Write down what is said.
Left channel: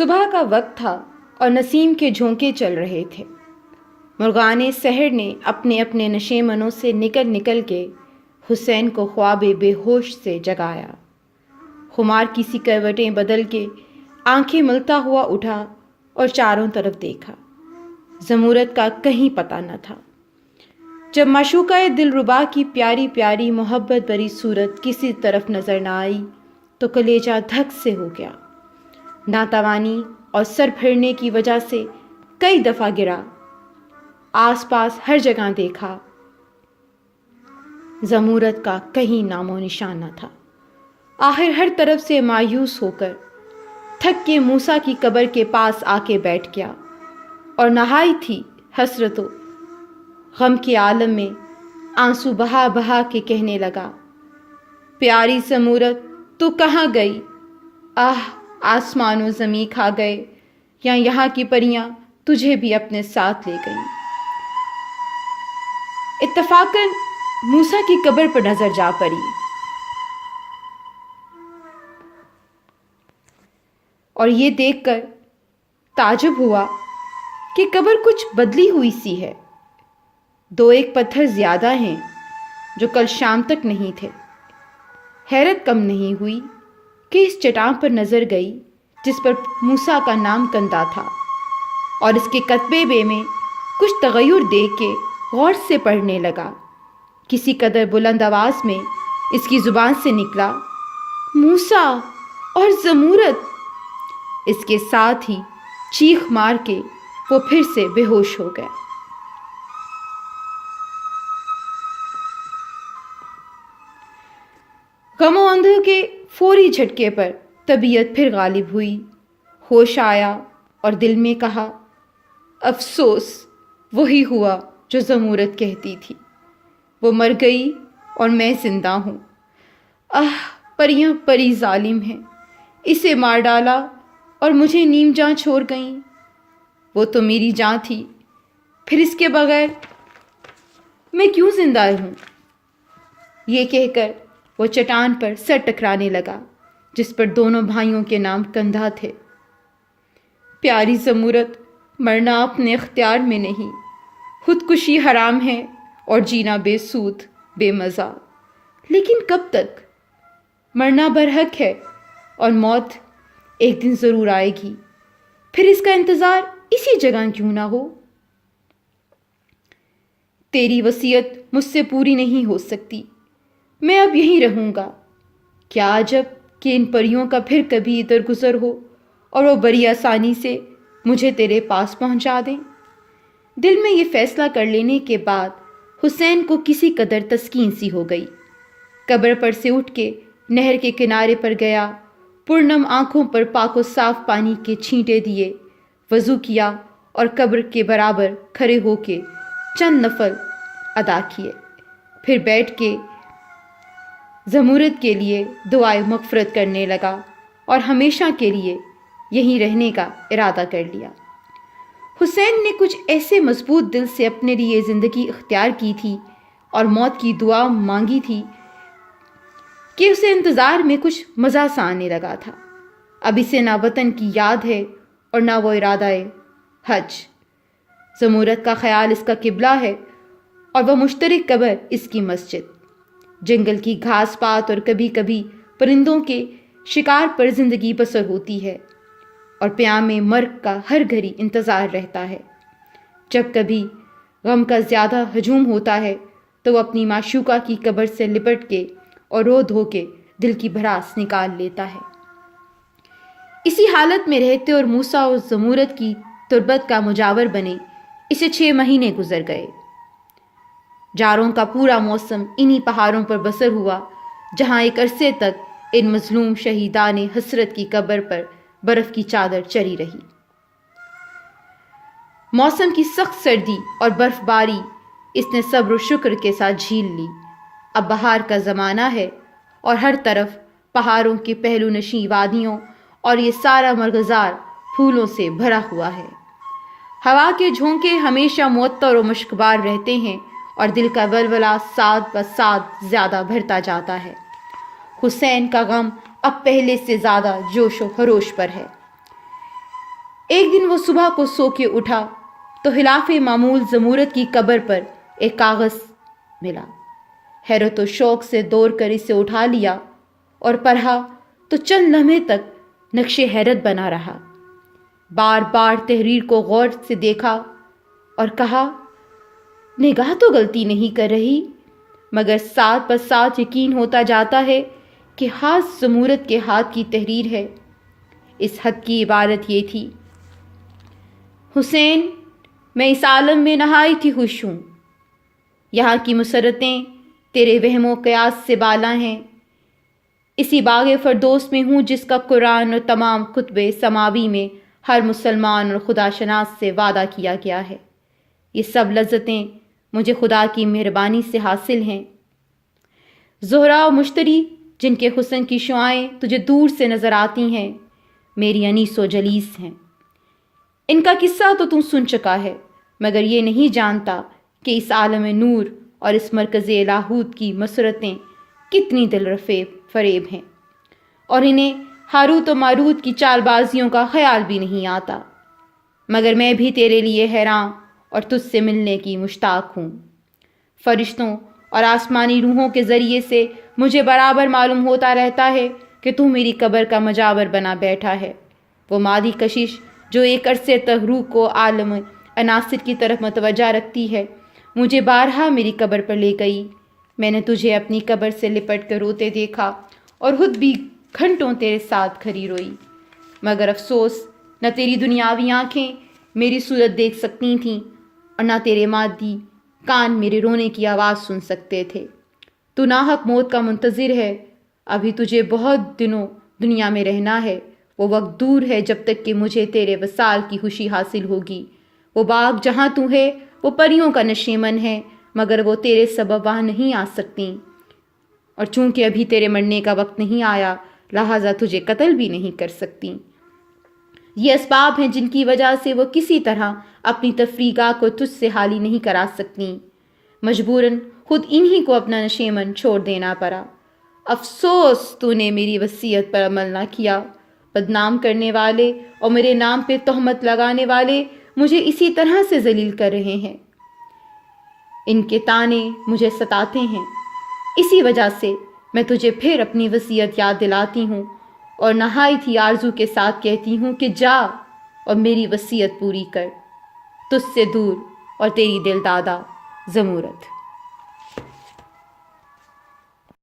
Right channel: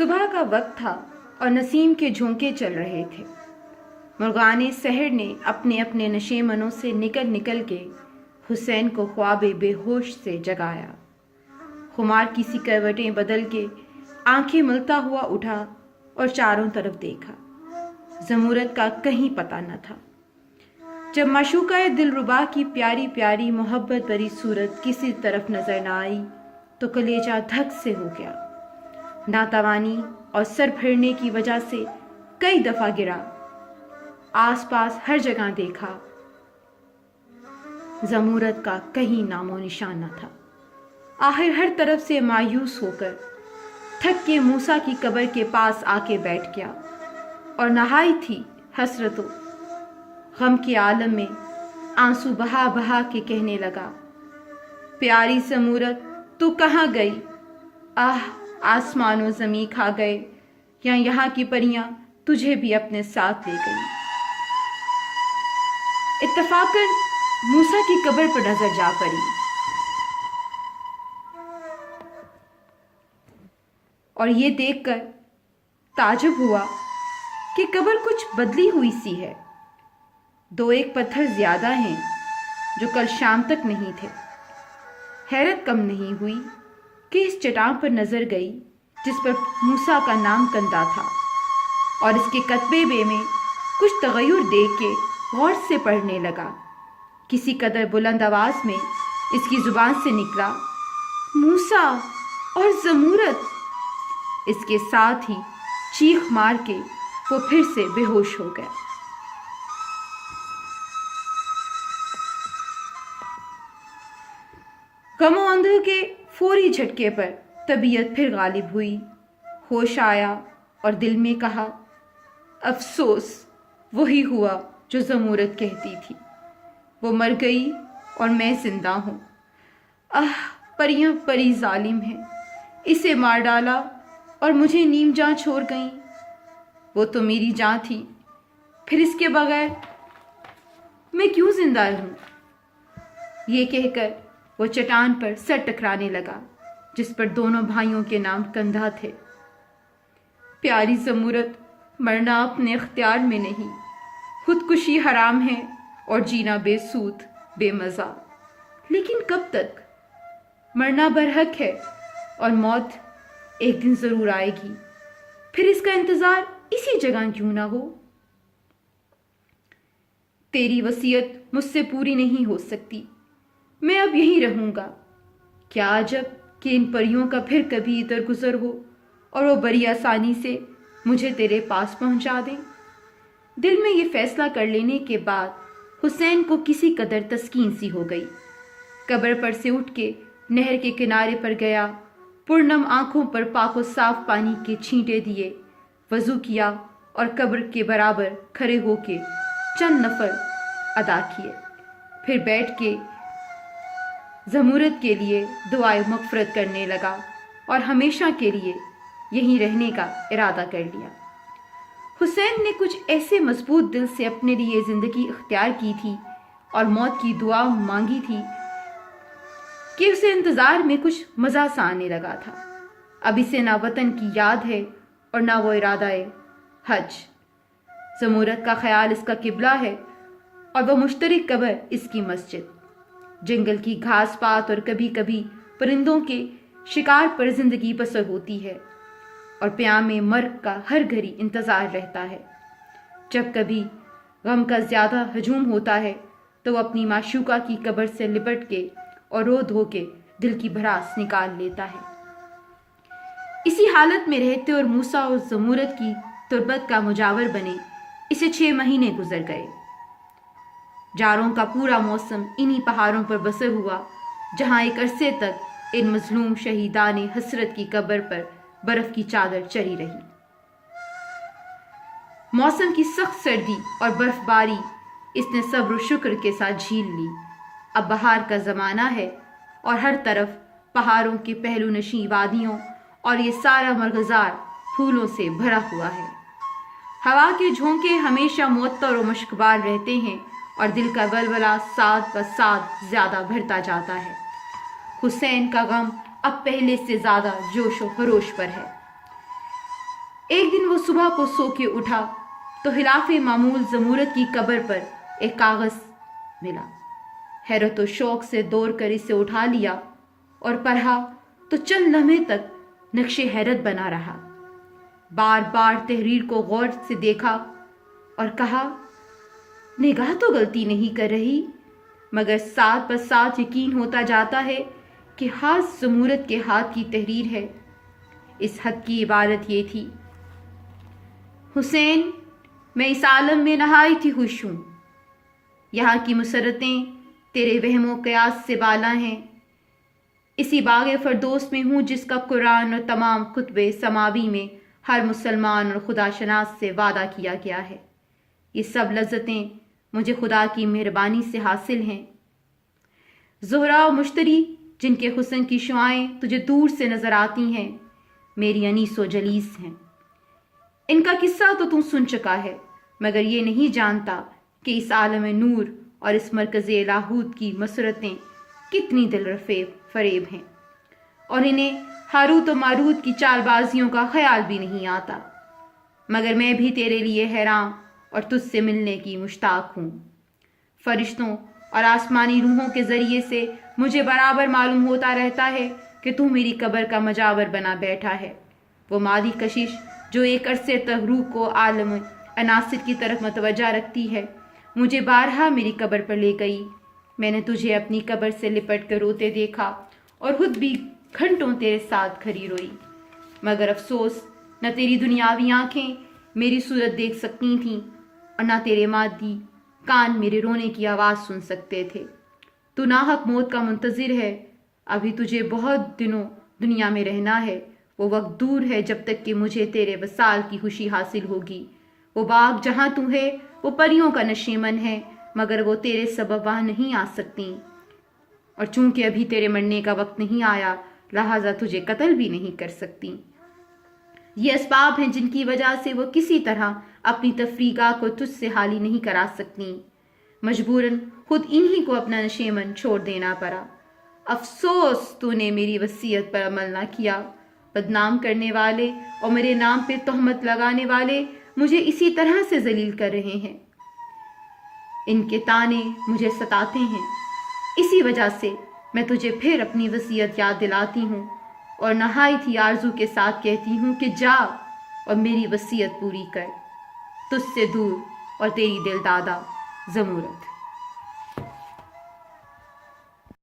صبح کا وقت تھا اور نسیم کے جھونکے چل رہے تھے۔ مرغان سحر نے اپنے اپنے نشیمنوں سے نکل نکل کے حسین کو خواب بے ہوش سے جگایا۔ خمار کی سی کروٹیں بدل کے آنکھیں ملتا ہوا اٹھا اور چاروں طرف دیکھا۔ زمورت کا کہیں پتہ نہ تھا۔ جب معشوقہ دلربا کی پیاری پیاری محبت بری صورت کسی طرف نظر نہ آئی تو کلیجہ دھک سے ہو گیا۔ ناتوانی اور سر پھرنے کی وجہ سے کئی دفعہ گرا۔ آس پاس ہر جگہ دیکھا، زمورت کا کہیں نام و نشان نہ تھا۔ آخر ہر طرف سے مایوس ہو کر تھک کے موسیٰ کی قبر کے پاس آ کے بیٹھ گیا اور نہائی تھی حسرت و غم کے عالم میں آنسو بہا بہا کے کہنے لگا، پیاری زمورت تو کہاں گئی؟ آہ آسمان و زمیں کھا گئے یا یہاں کی پریاں تجھے بھی اپنے ساتھ لے گئیں۔ اتفاقاً موسیٰ کی قبر پر نظر جا پڑی اور یہ دیکھ کر تعجب ہوا کہ قبر کچھ بدلی ہوئی سی ہے۔ دو ایک پتھر زیادہ ہیں جو کل شام تک نہیں تھے۔ حیرت کم نہیں ہوئی کہ اس چٹان پر نظر گئی جس پر موسیٰ کا نام کندہ تھا، اور اس کے کتبے میں کچھ تغیر دیکھ کے غور سے پڑھنے لگا۔ کسی قدر بلند آواز میں اس کی زبان سے نکلا، موسیٰ اور زمورت۔ اس کے ساتھ ہی چیخ مار کے وہ پھر سے بے ہوش ہو گیا۔ غم و اندوہ کے فوری جھٹکے پر طبیعت پھر غالب ہوئی۔ ہوش آیا اور دل میں کہا، افسوس وہی ہوا جو زمورت کہتی تھی، وہ مر گئی اور میں زندہ ہوں۔ پریاں پری ظالم ہیں، اسے مار ڈالا اور مجھے نیم جاں چھوڑ گئیں۔ وہ تو میری جاں تھی، پھر اس کے بغیر میں کیوں زندہ رہوں؟ یہ کہہ کر وہ چٹان پر سر ٹکرانے لگا جس پر دونوں بھائیوں کے نام کندھا تھے۔ پیاری زمورت، مرنا اپنے اختیار میں نہیں، خودکشی حرام ہے اور جینا بے سود بے مزہ، لیکن کب تک؟ مرنا برحق ہے اور موت ایک دن ضرور آئے گی، پھر اس کا انتظار اسی جگہ کیوں نہ ہو؟ تیری وصیت مجھ سے پوری نہیں ہو سکتی، میں اب یہیں رہوں گا۔ کیا عجب کہ ان پریوں کا پھر کبھی ادھر گزر ہو اور وہ بڑی آسانی سے مجھے تیرے پاس پہنچا دیں۔ دل میں یہ فیصلہ کر لینے کے بعد حسین کو کسی قدر تسکین سی ہو گئی۔ قبر پر سے اٹھ کے نہر کے کنارے پر گیا، پرنم آنکھوں پر پاک و صاف پانی کے چھینٹے دیے، وضو کیا اور قبر کے برابر کھڑے ہو کے چند نفل ادا کیے، پھر بیٹھ کے زمورت کے لیے دعائے مغفرت کرنے لگا اور ہمیشہ کے لیے یہیں رہنے کا ارادہ کر لیا۔ حسین نے کچھ ایسے مضبوط دل سے اپنے لیے زندگی اختیار کی تھی اور موت کی دعا مانگی تھی کہ اسے انتظار میں کچھ مزہ سا آنے لگا تھا۔ اب اسے نہ وطن کی یاد ہے اور نہ وہ ارادہ حج۔ زمورت کا خیال اس کا قبلہ ہے اور وہ مشترک قبر اس کی مسجد۔ جنگل کی گھاس پات اور کبھی کبھی پرندوں کے شکار پر زندگی بسر ہوتی ہے اور پیام مرگ کا ہر گھڑی انتظار رہتا ہے۔ جب کبھی غم کا زیادہ ہجوم ہوتا ہے تو وہ اپنی معشوقہ کی قبر سے لپٹ کے اور رو دھو کے دل کی بھڑاس نکال لیتا ہے۔ اسی حالت میں رہتے اور موسیٰ اور زمورت کی تربت کا مجاور بنے اسے 6 مہینے گزر گئے۔ جاروں کا پورا موسم انہی پہاڑوں پر بسر ہوا جہاں ایک عرصے تک ان مظلوم شہیدان حسرت کی قبر پر برف کی چادر چڑھی رہی۔ موسم کی سخت سردی اور برف باری اس نے صبر و شکر کے ساتھ جھیل لی۔ اب بہار کا زمانہ ہے اور ہر طرف پہاڑوں کی پہلو نشیں وادیوں اور یہ سارا مرغزار پھولوں سے بھرا ہوا ہے۔ ہوا کے جھونکے ہمیشہ معطر و مشکبار رہتے ہیں اور دل کا ولولہ ساتھ بساتھ زیادہ بڑھتا جاتا ہے۔ حسین کا غم اب پہلے سے زیادہ جوش و خروش پر ہے۔ ایک دن وہ صبح کو سو کے اٹھا تو خلاف معمول زمورت کی قبر پر ایک کاغذ ملا۔ حیرت و شوق سے دوڑ کر اسے اٹھا لیا اور پڑھا تو چند لمحے تک نقش حیرت بنا رہا۔ بار بار تحریر کو غور سے دیکھا اور کہا نگاہ تو غلطی نہیں کر رہی، مگر ساتھ بس ساتھ یقین ہوتا جاتا ہے کہ ہاتھ زمورت کے ہاتھ کی تحریر ہے۔ اس خط کی عبارت یہ تھی: حسین، میں اس عالم میں نہایت ہی خوش ہوں۔ یہاں کی مسرتیں تیرے وہم و قیاس سے بالا ہیں۔ اسی باغ فردوس میں ہوں جس کا قرآن اور تمام کتب سماوی میں ہر مسلمان اور خدا شناس سے وعدہ کیا گیا ہے۔ یہ سب لذتیں مجھے خدا کی مہربانی سے حاصل ہیں۔ زہرا و مشتری جن کے حسن کی شعائیں تجھے دور سے نظر آتی ہیں، میری انیس و جلیس ہیں۔ ان کا قصہ تو تم سن چکا ہے، مگر یہ نہیں جانتا کہ اس عالم نور اور اس مرکز لاہوت کی مسرتیں کتنی دل فریب ہیں، اور انہیں ہاروت و ماروت کی چال بازیوں کا خیال بھی نہیں آتا۔ مگر میں بھی تیرے لیے حیران اور تجھ سے ملنے کی مشتاق ہوں۔ فرشتوں اور آسمانی روحوں کے ذریعے سے مجھے برابر معلوم ہوتا رہتا ہے کہ تو میری قبر کا مجاور بنا بیٹھا ہے۔ وہ مادی کشش جو ایک عرصے تک روح کو عالم عناصر کی طرف متوجہ رکھتی ہے، مجھے بارہا میری قبر پر لے گئی۔ میں نے تجھے اپنی قبر سے لپٹ کر روتے دیکھا اور خود بھی گھنٹوں تیرے ساتھ کھڑی روئی، مگر افسوس نہ تیری دنیاوی آنکھیں میری صورت دیکھ سکتی تھیں اور نہ تیرے مادی کان میرے رونے کی آواز سن سکتے تھے۔ تو ناحق موت کا منتظر ہے، ابھی تجھے بہت دنوں دنیا میں رہنا ہے۔ وہ وقت دور ہے جب تک کہ مجھے تیرے وصال کی خوشی حاصل ہوگی۔ وہ باغ جہاں تو ہے وہ پریوں کا نشیمن ہے، مگر وہ تیرے سبب وہاں نہیں آ سکتی، اور چونکہ ابھی تیرے مرنے کا وقت نہیں آیا لہٰذا تجھے قتل بھی نہیں کر سکتی۔ یہ اسباب ہیں جن کی وجہ سے وہ کسی طرح اپنی تفریقہ کو تجھ سے حالی نہیں کرا سکتی۔ مجبوراً خود انہی کو اپنا نشیمن چھوڑ دینا پڑا۔ افسوس تو نے میری وصیت پر عمل نہ کیا۔ بدنام کرنے والے اور میرے نام پہ تہمت لگانے والے مجھے اسی طرح سے ذلیل کر رہے ہیں۔ ان کے طعنے مجھے ستاتے ہیں۔ اسی وجہ سے میں تجھے پھر اپنی وصیت یاد دلاتی ہوں اور نہایت ہی آرزو کے ساتھ کہتی ہوں کہ جا اور میری وصیت پوری کر۔ تجھ سے دور اور تیری دل دادا زمورت۔